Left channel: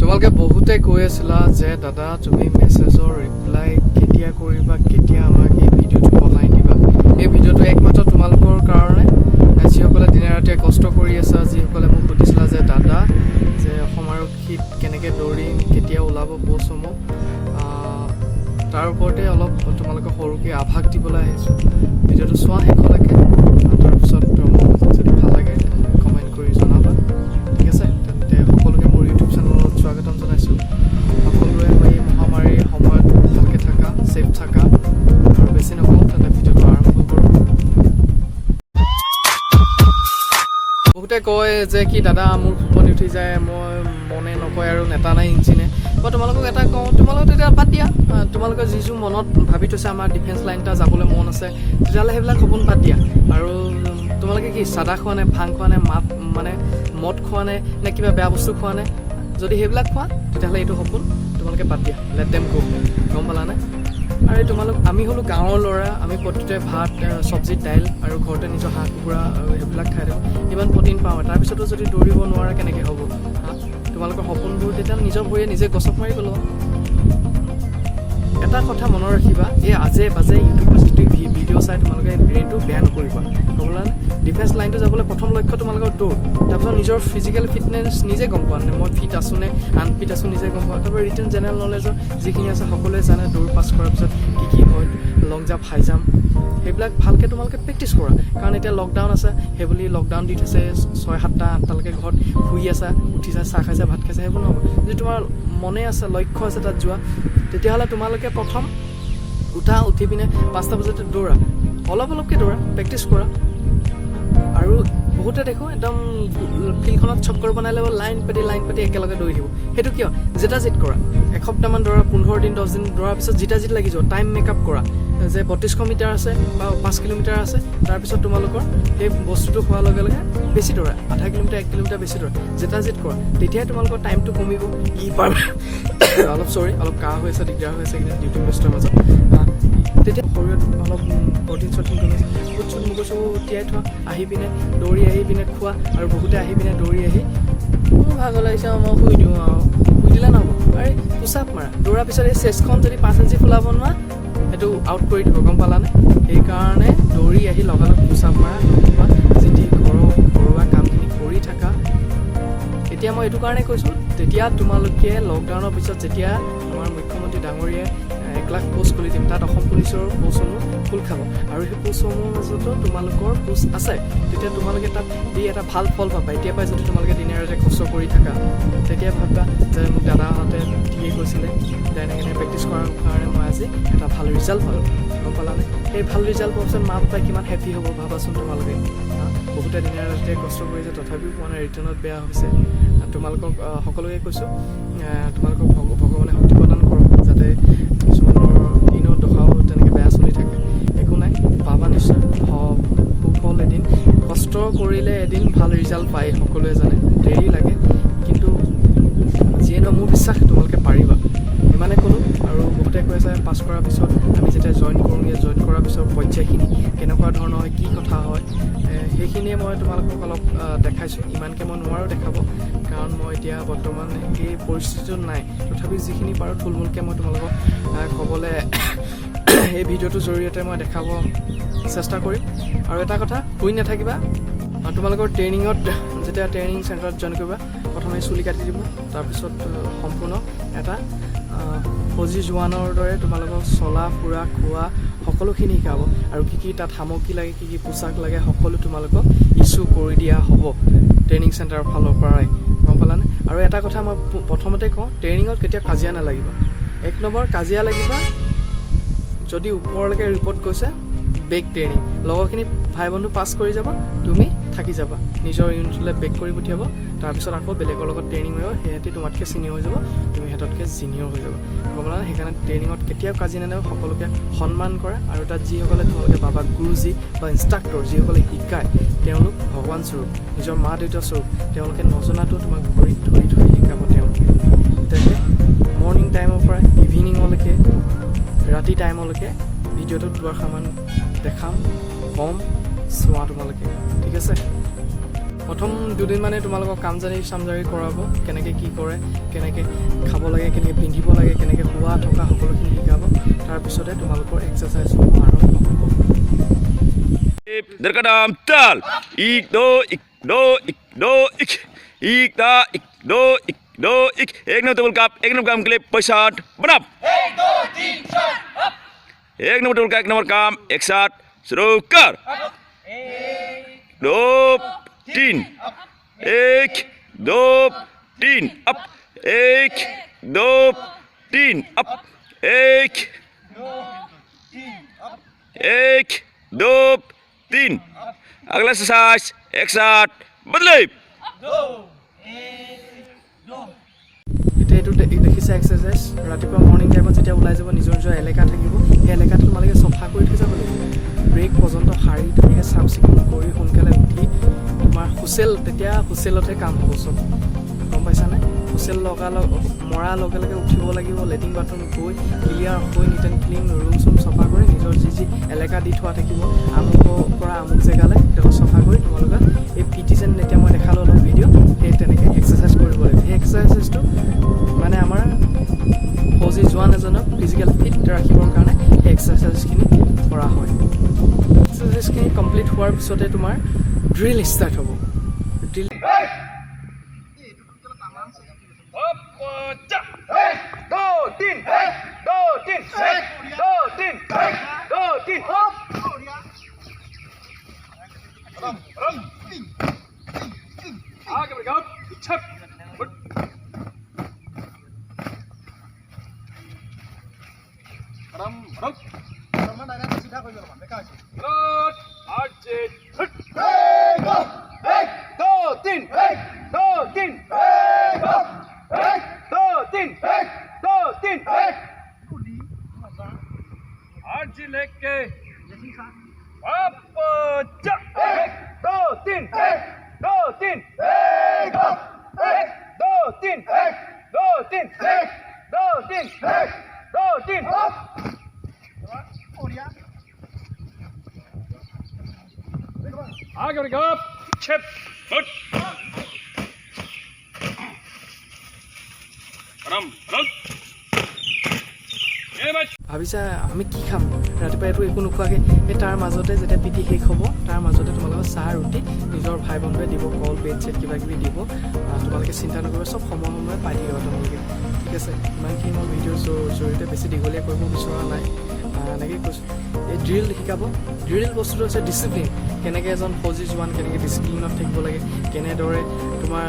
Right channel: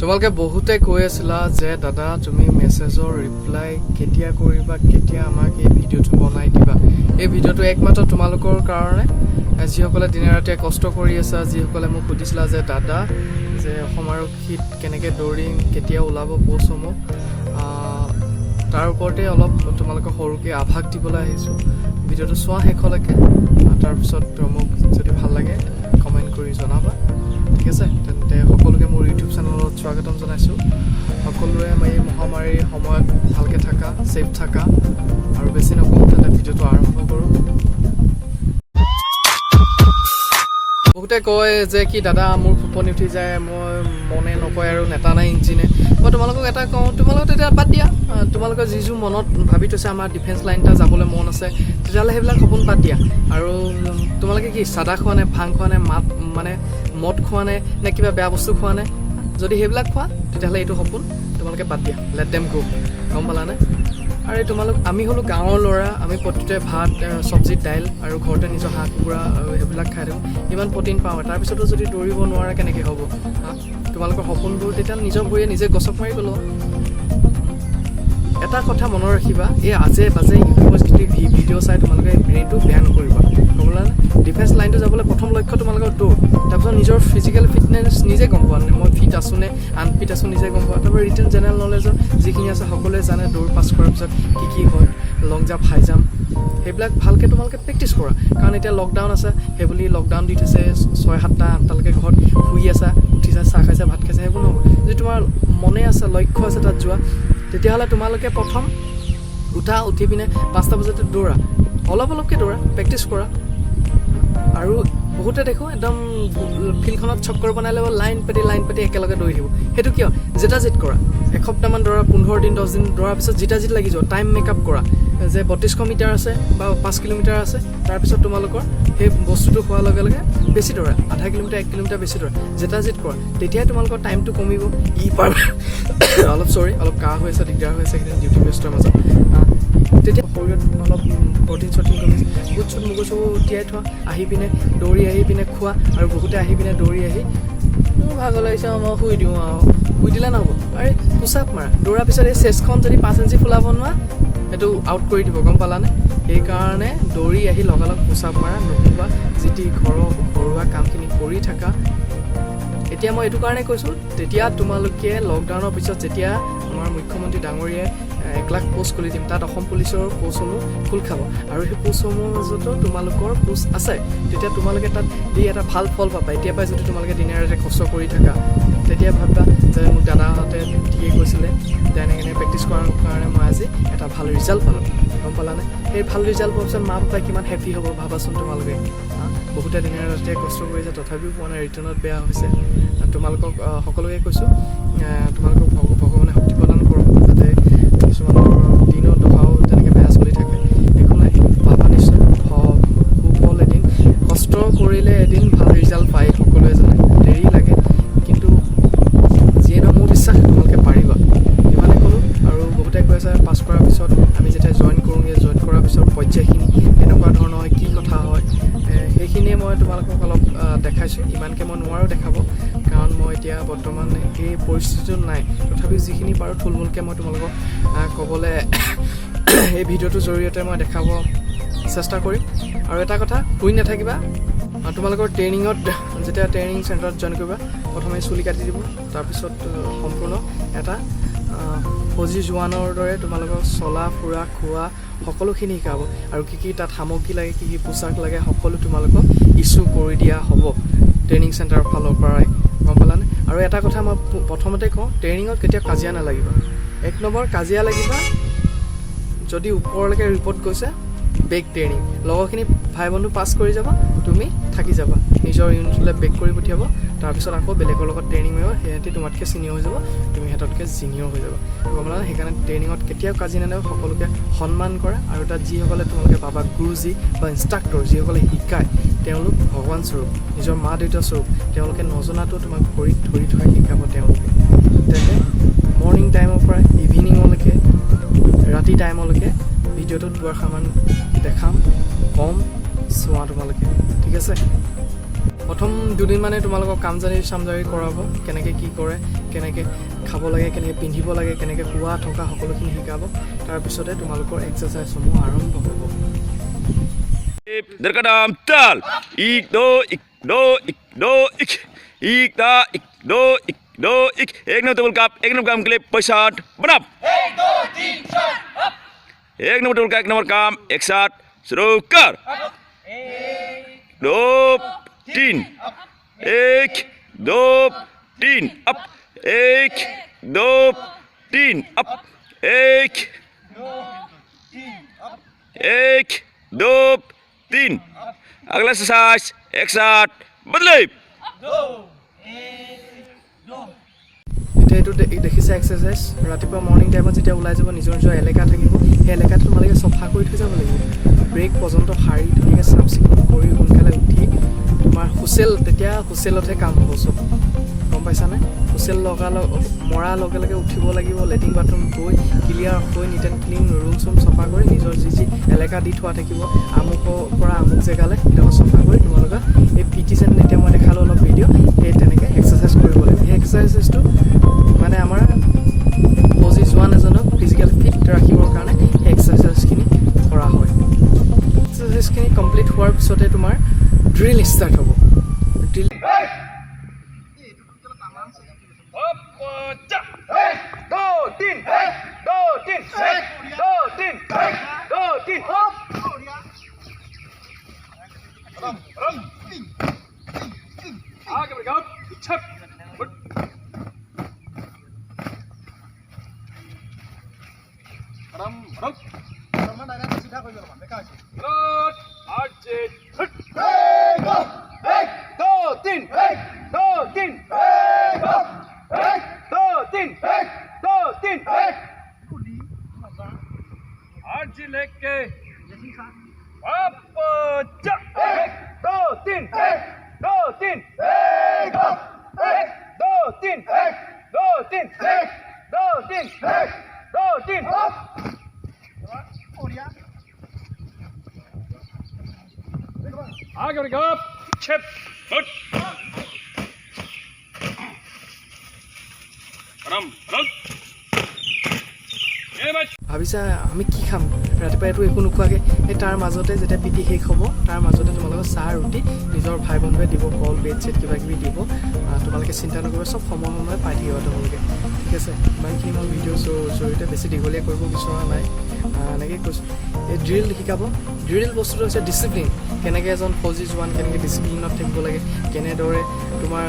তোমালোকে বহুতে কৈ আছিলা যে দাদা তুমি মেছেজৰ ৰিপ্লাই কেতিয়া কৰিবা, কেতিয়া আমাক এই ভিডিঅ'টো বনাই দিবা। এই ভিডিঅ'টো একমাত্ৰ তোমালোকৰ কাৰণে, যিসকলে দিনে ৰাতিয়ে কষ্ট কৰি আছা, যিসকলে মোক সুধিছিলা যে দাদা যে অসম আৰক্ষীত কেনেকৈ দৌৰিম, কেতিয়া ওলাব প'ষ্টসমূহ, তাৰ ওপৰতে অলপ তোমালোকক সৰুকৈ আভাস দিবলৈ আহিছোঁ। ভিডিঅ'টো চোৱা শেষলৈকে, তাৰপিছত মোক যদি ভাল লাগে কমেণ্ট কৰি জনাবা, ঠিক আছে? তেন্তে সকলোকে মোৰ ইউটিউব চেনেলত স্বাগতম জনাইছোঁ। সকলোৱে এই মহামাৰীৰ সময়ত ভালকৈ থাকা, ছেফ থাকা, আৰু বেছি নকওঁ তেন্তে ভিডিঅ'টো আৰম্ভ কৰোঁ। বহুতে কয় যে কি দাদা মোৰ ফুপনি উঠি যায়, মই মনে নকয় আৰু নেতা নাই ইঞ্জিনে। মই তোমালোকক এটা কওঁ, তোমালোকে তেতিয়া বাদ দিয়া। তোমালোকে যিযোৰ মনত ভাবি থৈছে আমাৰ ডিফেন্স লাইন এটা যাবলৈ মন আছে, তেতিয়াহ'লে সেইবিলাক সপোন বাদ দিয়া। আৰু তোমালোকে কি চাদা খোৱা নে, ভাং খোৱা নে, মদ খোৱা নে কিবা বেয়া বস্তু খোৱা নে? যদি সেইবিলাক খোৱা তেতিয়াহ'লে এইটো সপোন তোমালোকে বাদ দিয়া, লেট দেম গো, গম পালানে? আৰু আমি হ'লোঁ গাঁৱৰ ল'ৰা, আমি প্ৰতিটোৱে ভাত, চব্জি, দাইল আৰু ঘৰতে নিজৰ হাঁহ কুকুৰা সেইবিলাক খাই থাকোঁ, ইমান প্ৰটিন পাওঁ। তাৰপিছতো যদি দৌৰিব নোৱাৰা কেনেকৈ হ'ব? তোমালোকৰ সপোনবোৰ তেতিয়া নিজৰ ভৰিয়ে নিজে গছক মাৰি পেলোৱা। এটা কথা মনত ৰাখিবা, এই আজে বাজে ইউটিউবৰ যিটো ভিডিঅ' চাই তোমালোকে ব্ৰেইনটো বেয়া নকৰিবা, গম পালানে? ডিফেন্স লাইনটো যাবলৈ প্ৰথম লক্ষ্য তোমালোকৰ দৌৰ, তাৰপিছত নিজৰ ফিজিকেল ফিটনেছ নিজে গম পোৱা নে মই ফিট আছোঁ নে আনফিট আছোঁ নিজে গম পোৱা। তাৰপৰা ৰিটেন জেনেৰেল নলেজৰ যিখিনি আছে সকলোৱে জানে, দৌৰ পাছ কৰাৰ পিছত কি হয়, লং জাম্প, হাই জাম্প, সেইবিলাক ভালকৈ তোমালোকে প্ৰেক্টিছ কৰা। কাৰণ এতিয়া লকডাউন আছে, সেইবুলি লকডাউন দি থৈছে 6-7টা 8টালৈকে ঘৰত শুই আছা, উঠিছা, চাহ খাইছা, ভাত খাইছা, সেইবোৰ নহ'ব। যদি তোমাৰ মনে আছে, লক্ষ্য আছে তাত যোৱা, তেতিয়াহ'লে তোমালোকে প্ৰথম উঠি পিনে 5টা বজাতে দৌৰা, অলপকৈ দৌৰা, প্ৰেক্টিছ কৰা। আৰু বহুতে দেখোঁ একদম ফিল্ডখনত চক্কৰ বনাই ল'ব, লাইন পাতি একেলগে দৌৰি থাকিব। সেইটো কিয়? জিত কৰা, এসপ্তাহমান দৌৰা, 15 দিন 10 দিন দৌৰাৰ পিছত জিত লাগি যোৱা, টাইম মেকআপ কৰা যে 3200 মিটাৰ আছে বা 5 কিলোমিটাৰ আছে। তাৰপিছত তোমালোকৰ সেই বস্তুটো হোৱাৰ লগে লগে বেছি দৌৰা, 0.5 কিলোমিটাৰ 1 কিলোমিটাৰ বেছি দৌৰা, জিত কৰা। তেতিয়াই তোমালোকৰ টাইমটো কমিব। অলপ কাহ হৈ আছে, দিগদাৰ হৈ আছে এইকেইদিন ডিউটি ব্যস্তৰ মাজত। তেতিয়া শৰীৰত অলপ প্ৰটিন কমিছে, বুট মগজু তিয়াই থোৱা, আহি পিনে দৌৰি আহি পিনে খোৱা। আৰু বহুতে আহি পিনে দৌৰি আহি মোৰ ভাগৰ লাগিছে, মই শুই দিওঁ আৰু শুই দিলে নহ'ব। আৰে পুচাপ মাৰা, দৌৰাৰ পিছত এই চেষ্টখন যদি 5 ইঞ্চি ফুলাব নোৱাৰা, সেইটো আউট কৰি দিব, গম পালানে? সেইকাৰণে দৌৰি আহি লগালগ পুচাপ মাৰা, নুশুবা, যিটি ঘৰুৱা কামখিনি কৰি থাকা। এতিয়া মই এইটো কাৰণে কৈছোঁ, তেতিয়া তোমালোকে লকডাউনৰ পিছত যেতিয়া আমাৰ মুখ্যমন্ত্ৰী ডাঙৰীয়াই 1 লাখ পোষ্ট খুলি দিম, তাত অসম পুলিচৰ পোষ্টসমূহ খোল খাব, আৰু সেই পোষ্টসমূহৰ মাজতো তোমালোকৰ পোষ্ট আছে, তেতিয়া তোমালোকে তাত দি এটা ভাল ফল পাবা। এতিয়াৰ পৰাই যদি তোমালোকে দিনে ৰাতি কষ্ট কৰি থাকা, তেতিয়া ভাবিবা যে মোক দাদাহঁতে দিয়ে কৈছিলে, এনেকৈ প্ৰেক্টিছ কৰাৰ কাৰণে মই আজি এটা ভাল ৰিজাল্ট পালোঁ, গম পালানে? সেই ভাল ৰিজাল্ট পোৱাৰ পিছত মা পাপাই কিমান হেপী হ'ব ভাবাচোন তোমালোকে। বহুতে দিনে ৰাতিয়ে কষ্ট কৰিছে, তথাপিও পোৱা নাই, ৰিটাৰ্ণত বেয়া হৈছে। তোমালোকক সকলোকে কৈছোঁ, তোমালোকক ভগৱানে শক্তি প্ৰদান কৰক, যাতে কিছুমানৰ দিনৰ দশাও তেনেকৈ বেয়া চলি থাকে। একো নাই, পাবা নিশ্চয় সুফল এদিন। কষ্ট কৰিলে এদিন ভাল ৰিজাল্ট পায়, সকলোৱে জানে। দেৰি লাগে, কিন্তু যিয়ে নহয় মোৰ বিশ্বাস তোমালোকে পাৰিবা, ইমানে ক'লোঁ। আৰু বহুতে কৈ আছে পাছ কৰাৰ পিছত আমি যেতিয়া জইন কৰোঁগৈ, জইন কৰাৰ পিছত পৰ্যায়খিনি কেনেকুৱা ধৰণৰ হয়, কি কথা হয়, সেইখিনিয়ে মই তোমালোকক অলপ দেখাইছোঁ। ইমানকৈ মই নোৱাৰোঁ দেখাব, কাৰণ মই এতিয়া বৰ্তমান সেই পৰিস্থিতিটোত নাই। তথাপিও যিখিনি পাৰোঁ থুলমূলকৈ মই তোমালোকক ক'বলৈ এই ভিডিঅ'টোৰ জৰিয়তে মই দেখাব চেষ্টা কৰিম। আৰু এটা কথা, শুই নাথাকিবা। তোমালোকৰ ট্ৰেইনিঙত যেতিয়া ট্ৰেইনিং চেণ্টাৰত জইন কৰিবা, প্ৰথমে চুলি কাটি দিব, তাৰপিছত সম্পূৰ্ণ এটা ফৌজী জোৱানৰ দৰে তোমালোকক চলা ফুৰা খোৱা সকলোখিনি শিকাব। আৰু কি তাত সামগ্ৰী লাগে, কি পোচাক লাগে, সকলো তোমালোকক ইছ্যু কৰি দিয়া হ'ব ট্ৰেইনিং চেণ্টাৰৰ ফালৰ পৰাই, গম পালানে? আৰু এটা কথা মই প্ৰথমতে কওঁ, ট্ৰেইনিঙত কেতিয়াও কাজিয়া নালাগিবা। 1 নম্বৰ কাজিয়া লাগিবা যদি ওপৰলৈকে ৰিপৰ্ট গৈছে বেক ট্ৰেইনিং, লগৰখিনি ভাই বন্ধু পাছ কৰি যাবা, তুমি থাকি যাবা, নিজৰ ইউনিটলৈ বেক কৰি পঠিয়াব। তাৰপিছত আকৌ বেলেগৰ লগত ট্ৰেইনিং মাৰিব, সিহঁতি তোমাতকৈ ছিনিয়ৰ হৈ যাব, তুমি সিহঁততকৈ জুনিয়ৰ হৈ যাব, গম পালা? সেইকাৰণে ট্ৰেইনিঙত কেতিয়াও কাজিয়া নালাগে, সকলোকে সন্মান কৰা। আৰু তাত যিসকলে তোমালোকে পাবা গুৰুজী বা ইনষ্ট্ৰাক্টৰ, যিসকলে শিকায়, তেওঁলোক ভগৱান স্বৰূপ, নিজৰ মা দেউতা স্বৰূপ। তেওঁলোকে নজনাটো তোমাক ভৰিত ধৰি শিকাব তেওঁলোকে। তেন্তে মৰ্ণিং টাইমৰ পৰা ইভিনিঙলৈকে, ৰাতি টাইমলৈকে ভিডিঅ'টোত দুৱাৰমান দেখাম, কম, চোৱা তোমালোকে, ঠিক আছে? প্ৰথম দুদিন মানে তোমালোকক চামজাৰি কৰাব কেনেকৈ কি কৰে কেনেকৈ খাব লাগে কেনেকৈ পিন্ধিব লাগে কেনেকৈ খোৱা থকা সকলোখিনি শিকাব তাৰপিছতে তোমালোকৰ এক্সাৰচাইজসমূহ আৰম্ভ হ'ব Derkadam tal ik do ik do ik do ik ik da ik do ik do ik ek number table kap ek number kam clip pesat banap 1 2 3 4 up ek number table ka ek number kam ek sat शुरू कर 1 2 3 1 2 3 up 1 2 3 up 1 1 2 3 अगला exercise एक साथ बदले এতিয়া এইটো দেখিছে exercise ৰাতিপুৱা মৰ্ণিং টাইমত যেতিয়া ওলাই যাব নিজৰ নিজৰ এলেকা থাকিব সেই এলেকাটো তোমালোকে চফা কৰি থৈ যাব লাগিব ব্ৰেক পৰ্যন্ত শাৰী ধুনীয়াকৈ চাফ চিকুণ কৰি সোনকালে উঠি তোমাৰ তেতিয়া হুচেলতহে কাম হ'ব চব গম পাইছানে হুচেল মৰাৰ লগে লগে উঠিব লাগিব লেট্ৰিন বাথৰুম গৈ ক্লিয়াৰ হৈ নিট এণ্ড ক্লিন ৰুম চুম চফা কৰি নিজৰ যি এলেকা দি থোৱা থাকিব আমুকৰ পৰা আমুক জেগালৈ সেইডোখৰ চফা কৰি তোমালোকে এই পিটি যেন এতিয়া মই দেখালোঁ অলপ ভিডিঅ' সেই তেনেকৈ এক্সাৰচাইজ কৰিব লাগিব সেই এক্সাৰচাইজটো মানে আমাৰ ফৌজি জোৱান এজনক ফিজিকেল ফিট ৰাখিবৰ কাৰণে সেই এক্সাৰচাইজখিনি কৰা হয় এক্সাৰচাইজখিনি কমপ্লিট হোৱাৰ পিছতে তোমাৰ ড্ৰিল ষ্টাৰ্ট হ'ব ড্ৰিল लेके अब 1 2 3 1 2 3 1 2 3 1 2 3 1 2 3 1 2 3 आगे बढ़ो छिप फुट रम रम ভাবিছা আমি কি খাম ৰাতিপুৱা এইটো একো নোখোৱাকৈ সেই তাৰ মাজতে যেতিয়া পিটি শেষ হ'ব তাৰ মাজতে তোমালোকৰ চাহ ৰুটি নিজৰ ভাই বন্ধুৱে দিব কল বেড চেট কিবা কিবি দিব তোমালোকে চিন্তা নকৰিবা চব সময়ে পাই থাকিবা তোমালোকে ঠিক আছে ইমানখিনি মই ভিডিঅ'ৰ জৰিয়তে বেছি দীঘলীয়া কৰিব বিচৰা নাই এনেকৈ কৈছোঁ এই ড্ৰিল শিকাব ড্ৰিল বস্তুটো হৈছে ডিচিপ্লিন কেনেকৈ এজন ফৌজি জোৱান কেনেকৈ ডিচিপ্লিনত থাকিব লাগে কেনেদৰে তোমাৰ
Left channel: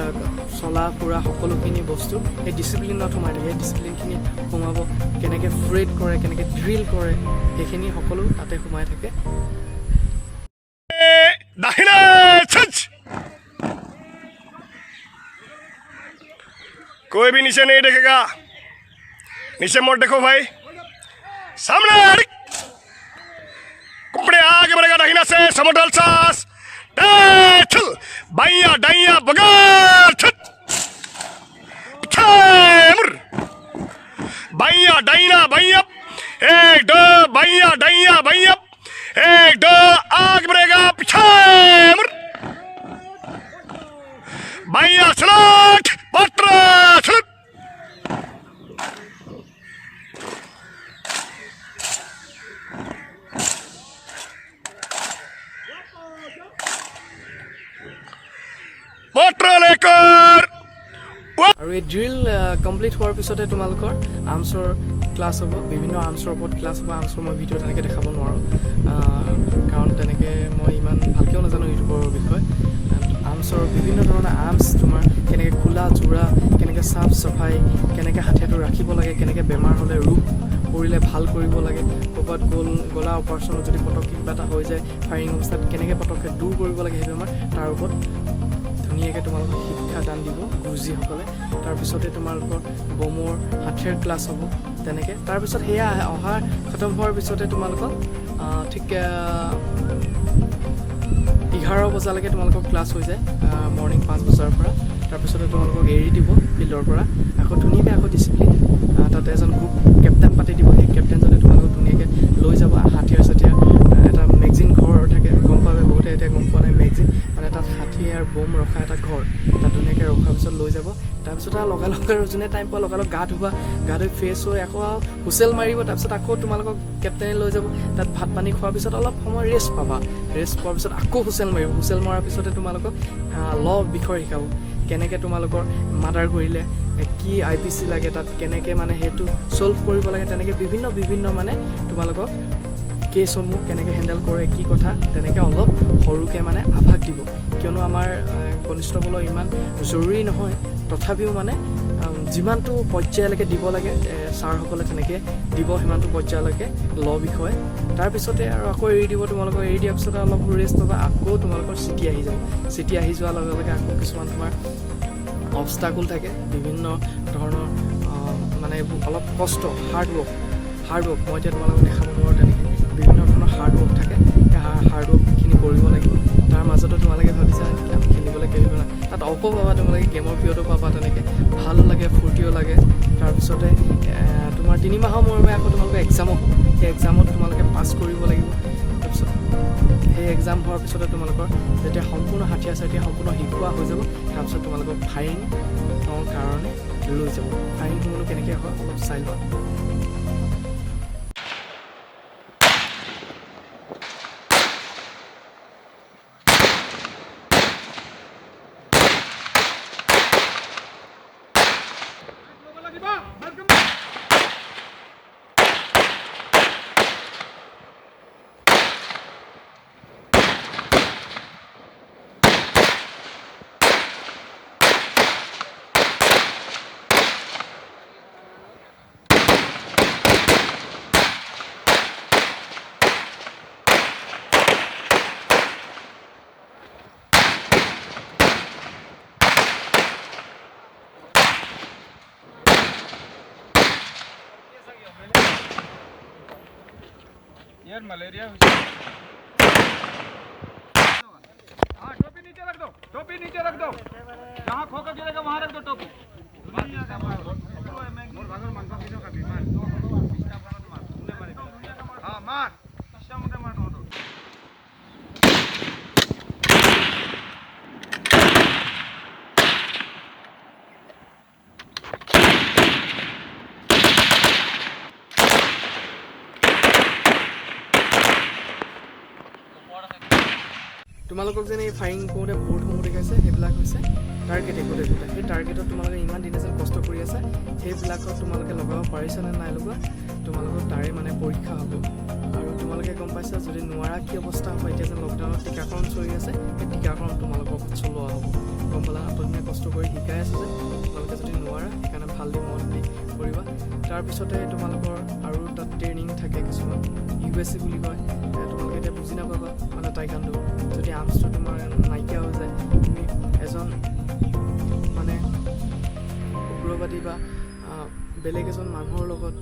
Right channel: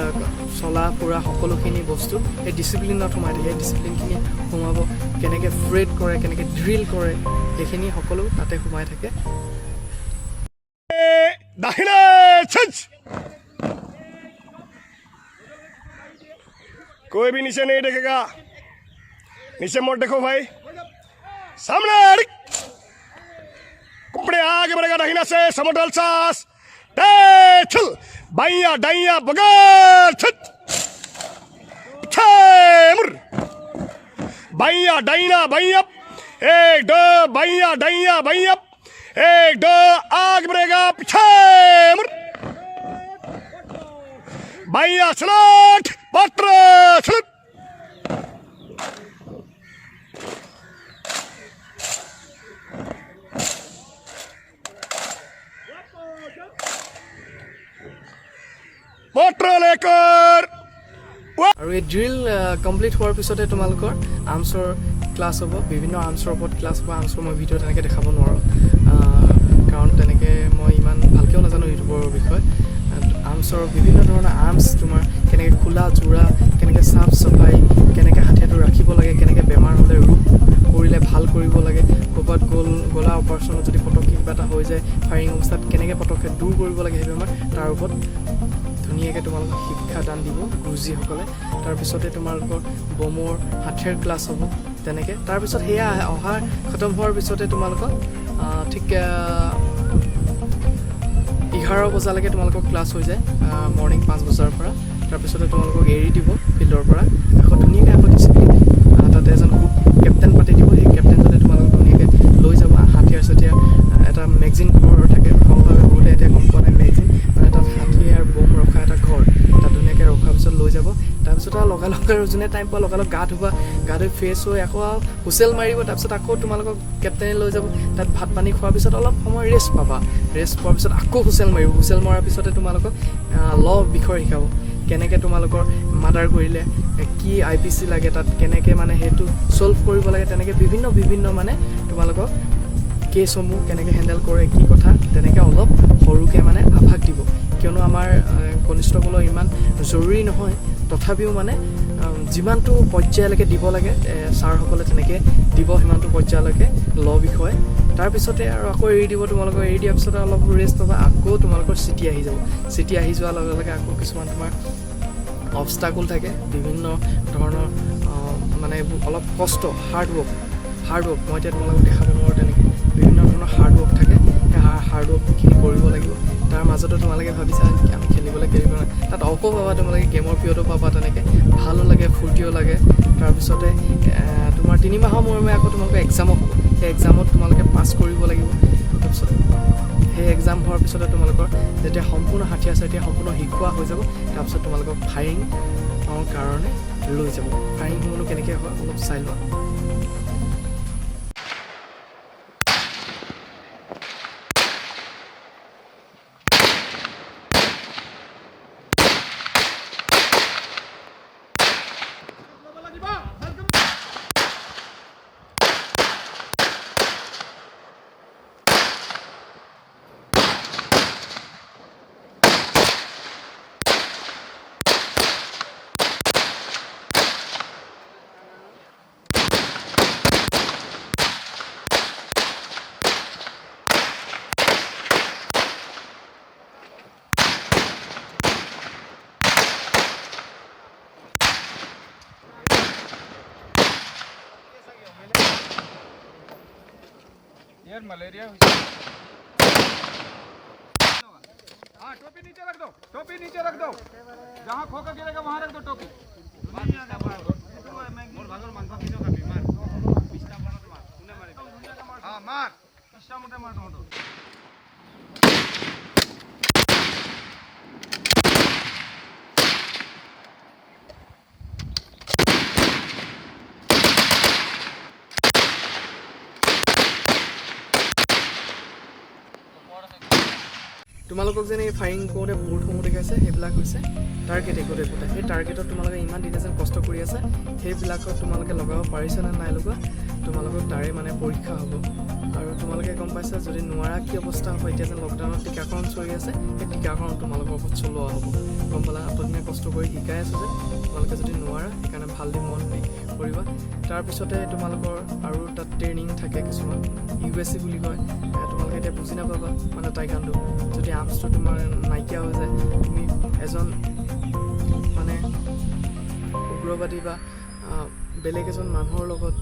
চলা ফুৰা সকলোখিনি বস্তু সেই ডিচিপ্লিনত সোমাই থাকে সেই ডিচিপ্লিনখিনি সোমাব কেনেকৈ ফ্ৰেড কৰে কেনেকৈ ড্ৰিল কৰে সেইখিনি সকলো তাতে সোমাই থাকে कोई भी नीचे नहीं देखेगा नीचे मोड़ देखो भाई सामने कपड़े आगे बढ़ेगा दाहिना से समोटल सास चल बाइया डाइया बगार छत बाइया डाइना बाइया 1 2 बाइया डाइया बाइया 1 2 आगे बढ़ेगा पीछे बाइया स्लट पत्र स्लट पत्र लेकर আৰু এই ড্ৰিল কমপ্লিট হোৱাৰ পিছতে তোমালোকৰ আৰ্মছৰ ক্লাছ হ'ব বিভিন্ন আৰ্মছৰ ওপৰত ক্লাছ হ'ব আৰ্মছৰ মই ভিডিঅ' তেনেকৈ দেখাব নোৱাৰোঁ কাৰণ তেনেকৈ মই ইমান ভালকৈও নাজানো ইউটিউবৰ বিষয়ে আৰ্মছৰ বিভিন্ন ধৰণৰ আৰ্মছ তোমাৰ কেনেকৈ খোলা জোৰা কেনেকৈ চাফ চাফাই কেনেকৈ হাতেটো ৰাখিব লাগে কেনেকৈ বেমাৰ হ'লে ৰোগ পৰিলে ভাল কৰিব লাগে ক'ৰবাত গলা অপাৰেশ্যনত যদি পটককৈ কিবা এটা হৈ যায় ফায়াৰিং অৱস্থাত কেনেকৈ পটককৈ দূৰ কৰিব লাগে সেই বেমাৰ তাৰ ওপৰত ধুনীয়াকৈ তোমালোকক শিক্ষাদান দিব গুৰুজীসকলে তাৰপিছতে তোমালোকৰ বমৰ হাতেৰ ক্লাছ হ'ব তেনেকৈ তাৰপিছত সেয়া অহাৰ খতম হোৱাৰ পিছতে তোমালোকক ঠিক 11 বজালৈকে তোমালোকৰ ক্লাছ হৈ যায় মৰ্ণিং 5 বজাৰ পৰা তাৰপিছতে তোমালোকক এৰি দিব ফিল্ডৰ পৰা আকৌ ধুনীয়াকৈ আকৌ ডিচিপ্লিন তাতে এজন গ্ৰুপ কেপ্টেইন পাতি দিব সেই কেপ্টেইনজনে তোমালোকক ধুনীয়াকৈ লৈ যাব হাতিয়াৰ চাতিয়াৰ এটা মেগজিন ঘৰ থাকে গম পাবে বহুতে এতিয়া গম পোৱা নাই মেগজিন মানে তাত হাতী আৰু বম ৰখা এটা ঘৰ তাত ধুনীয়াকৈ ৰখাৰ পিছত লৈ যাব তাৰপিছত আৰু লগালগ আৰু যোনে টাইম পোৱা লগালগ গা ধুই ফ্ৰেছ হৈ আকৌ হুচেল মাৰিব তাৰপিছত আকৌ তোমালোকক কেপ্টেইনে লৈ যাব তাত ভাত পানী খোৱাৰ পিছত অলপ সময় ৰেষ্ট পাবা ৰেষ্ট পোৱাৰ পিছত আকৌ হুচেল মাৰিব হুচেল মৰাৰ পিছতে তোমালোকক ল বিষয়ে শিকাব কেনেকৈ তোমালোকৰ মাৰ্ডাৰ কৰিলে কি IPC লাগে তাত কেনেকৈ মানে সেইটো ছল্ভ কৰিব লাগে তেনেকৈ বিভিন্ন মানে তোমালোকক কেছসমূহ কেনেকৈ হেণ্ডেল কৰে কি কথা তেনেকৈ অলপ সৰুকৈ মানে আভাস দিব কিয়নো আমাৰ কনিষ্টবলৰ ইমান জৰুৰী নহয় তথাপিও মানে যিমানটো পৰ্যায়লৈকে দিব লাগে ছাৰসকলে তেনেকৈ দিব সিমানটো পৰ্যায়লৈকে ল বিষয়ে তাৰপিছতে আৰু আকৌ এৰি দিব তোমালোকক এৰি দিয়াৰ পিছতে অলপ ৰেষ্ট পাবা আকৌ তোমালোকৰ চিটি আহি যাব চিটি আহি যোৱাৰ লগে লগে আকৌ কিছুমান তোমাৰ অবষ্টাকুল থাকে বিভিন্ন ধৰণৰ মানে এইবোৰ অলপ কষ্ট হাৰ্ড ৱৰ্ক মই এতিয়া তোমালোকক দেখাব নোৱাৰোঁ তেনেকৈ বিভিন্ন ধৰণৰ হাৰ্ড ৱৰ্ক থাকে সেই হাৰ্ড ৱৰ্কখিনি কৰিব লাগিব তাৰ মাজতো তোমালোকে ভাবিছা আমি খেলিবলৈ কেৰিব নাই তাত অকো পাবা তোমালোকে গেমৰ পিৰিয়ডো পাবা তেনেকৈ ভালো লাগে ফূৰ্তিও লাগে তাৰপিছতে তোমাৰ 3 মাহৰ মূৰে আকৌ তোমালোকে এক্সামো হ'ব সেই এক্সামত তোমালোকে পাছ কৰিব লাগিব তাৰপিছত সেই এক্সাম হোৱাৰ পিছতে তোমালোকৰ যেতিয়া সম্পূৰ্ণ হাথিয়াৰ চাথিয়াৰ সম্পূৰ্ণ শিকোৱা হৈ যাব তাৰপিছত তোমালোকক ফায়াৰিঙৰ কাৰণে লৈ যাব ফায়াৰিংসমূহনো কেনেকৈ হয় অলপ চাই লোৱা यार मलेरिया हाँ टोपी नीचे रख दो जहाँ खोकर गिरेगा वहाँ रख दो टोपी हाँ मार मार তোমালোকক যেনে এই ফায়াৰিং কৰোঁতে বৰ্ডসমূহ দেখাইছে সেইবিলাক হৈছে টাৰ্গেট একোটা সেই টাৰ্গেটত তোমালোকে ইমান দিনে যেন কষ্ট কৰি আছে সেইবিলাকত তোমালোকে লগাব পাৰিছা নে নাই লগোৱা তোমালোকৰ তাৰে মানে পৰীক্ষা হ'ব আৰু তোমালোকে গম পাইছা যদি নোৱাৰা কি অৱস্থা হ'ব এতিয়া যেন লকডাউনত টীকাকৰণ চলি আছে সেই টীকাকৰণ তোমালোকৰ ওপৰত চলোৱা হ'ব গম পালা আঁতদিনে কষ্ট কৰি শিকাই আছে যে তোমালোকে যদি নোৱাৰা সেইকাৰণে ভাল দি মন দি কৰিবা তাৰপিছতে তোমালোকৰ আৰু তাত ট্ৰেইনিং থাকে কিছুমান USC বুলি কয় তোমালোকে এতিয়া বুজি নাপাবা মানে টাইকাণ্ডো যদি আৰ্মছটো তোমাৰ নাইকিয়া হৈ যায় তুমি এজন মানে উগ্ৰবাদী বা বেলেগ এজন মানুহৰ লগত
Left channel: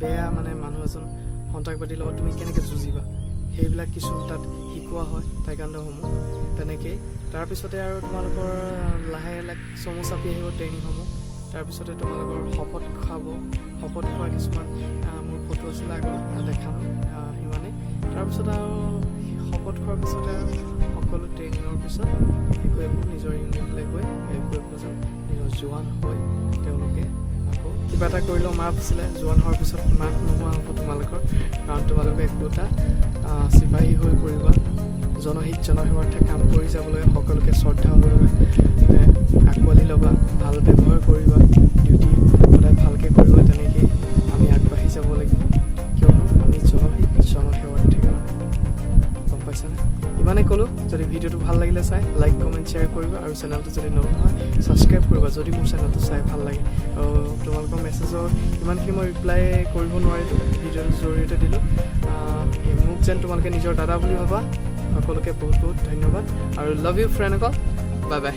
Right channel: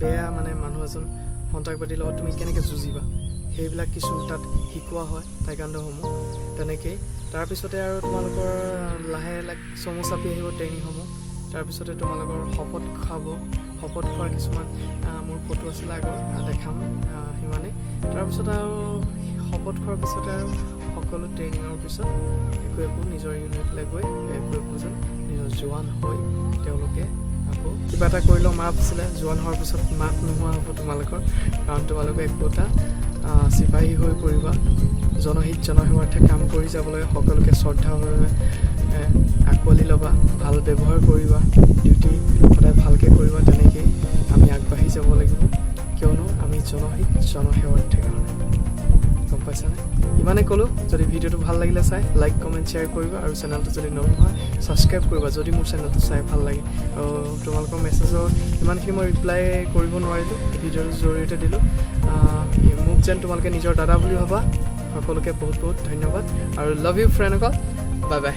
বেয়া মানে মানুহ এজন সন্ত্ৰাসবাদীৰ লগত তুমি কেনেকৈ যুঁজিবা সেইবিলাক কিছু তাত শিকোৱা হয় টাইকাণ্ডোসমূহ তেনেকেই তাৰপিছতে আৰু তোমালোকৰ লাহে চমু চাপি আহিব ট্ৰেইনিংসমূহ তাৰপিছতে তোমালোকৰ শপত খোৱা কিছুমান মোৰ ফটো আছিলে আগত দেখাম সিমানেই তাৰপিছত আৰু শপত খোৱাৰ পিছতে আৰু সকলো ট্ৰেইনিঙৰ পিছত একো নিজৰ ইউনিটলৈ গৈ একোজন নিজৰ জোৱান হৈ তেওঁলোকে আকৌ কিবা এটা কৰিলেও মাফ আছিলে জোৱান হোৱাৰ পিছত মাফ নোহোৱা হ'ব তোমালোকৰ কাৰণ তোমালোকে একোটা চিপাহী হৈ পৰিবা জনহিত জনসেৱাৰ্থে কাম কৰি যাবলৈ সকলোকে শ্ৰদ্ধাভাৱে আঁকোৱালি ল'বা ভাল ব্যৱহাৰ কৰিবা ডিউটি সদায় ভালকৈ কৰিবা তেনেকেই আমি আগবাঢ়ি যাব লাগিব কিয়নো আমি জনহিত জনসেৱাৰ্থে কাৰণে গম পাইছানে ইমানে ক'লোঁ যদি ভিডিঅ'টো ভাল লাগিলে চাই লাইক কমেণ্ট শ্বেয়াৰ কৰিবা আৰু চেনেলটো যদি নতুন হয় ছাবস্ক্ৰাইব কৰিবা যদি মোৰ চেনেলটো চাই ভাল লাগে আৰু তোমালোকৰ মেছেজৰ ইমানখিনি মই ৰিপ্লাই কৰিব নোৱাৰিলোঁ ভিডিঅ'টোৰ জৰিয়তে দিলোঁ মোক যেন তোমালোকে নিজৰ দাদা বুলি ভাবা সকলোকে বহুত বহুত ধন্যবাদ আৰু লাভ ইউ ফ্ৰেণ্ডসকল বাই বাই